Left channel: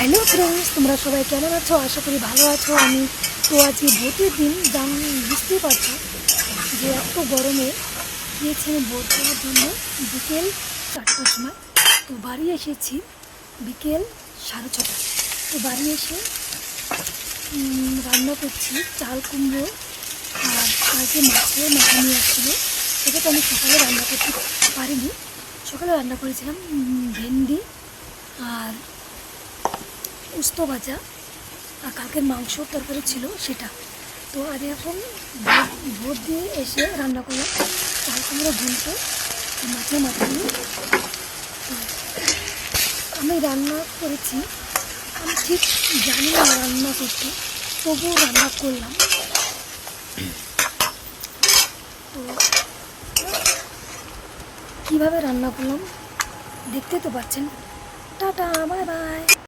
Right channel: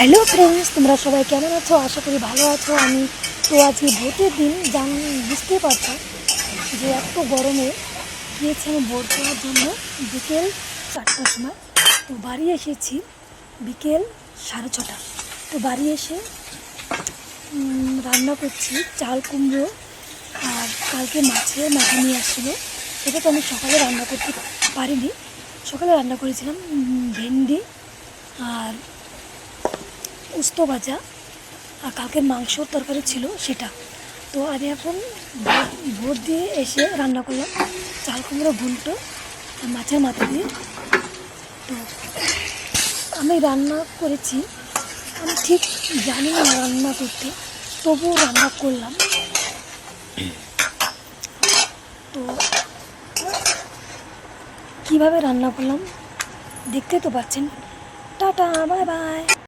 Hello friends, তোমরা সবাই কেমন আছো? আশা করি ভালো আছো। আমি তো আজকে ভোটের দিন বুঝতেই পারছো যে এত গরমে গিয়েছি আমি ভোট দেওয়ার জন্য বিকেল 4টার সময়। তো বাড়ি এসেছি বিকেল 6:30। তো বাড়ি এসে রান্না করছি চাল কুমড়ো, আর কালকে মাছের মাথা নিয়ে আসছিলো, সেটা তো আমি সকালে রান্না করতে পারিনি। সকালে রান্না করেছিলাম ভেন্ডি আর উস্তো ভাজা, আর কালকের মাংসর তরকারি ছিল সেটা। তো আমি এখন ভোট দিয়ে এসে রান্না করলাম চাল কুমড়ো ঘন্ট আর মাছের মাথা দিয়ে। তো আমি রান্না করেছি, আমি ঠিক জানি না রান্না করতে, তবুও রান্না করলাম। তো কীভাবে রান্না করলাম দেখতে তো পাচ্ছেন। Tata, bye bye.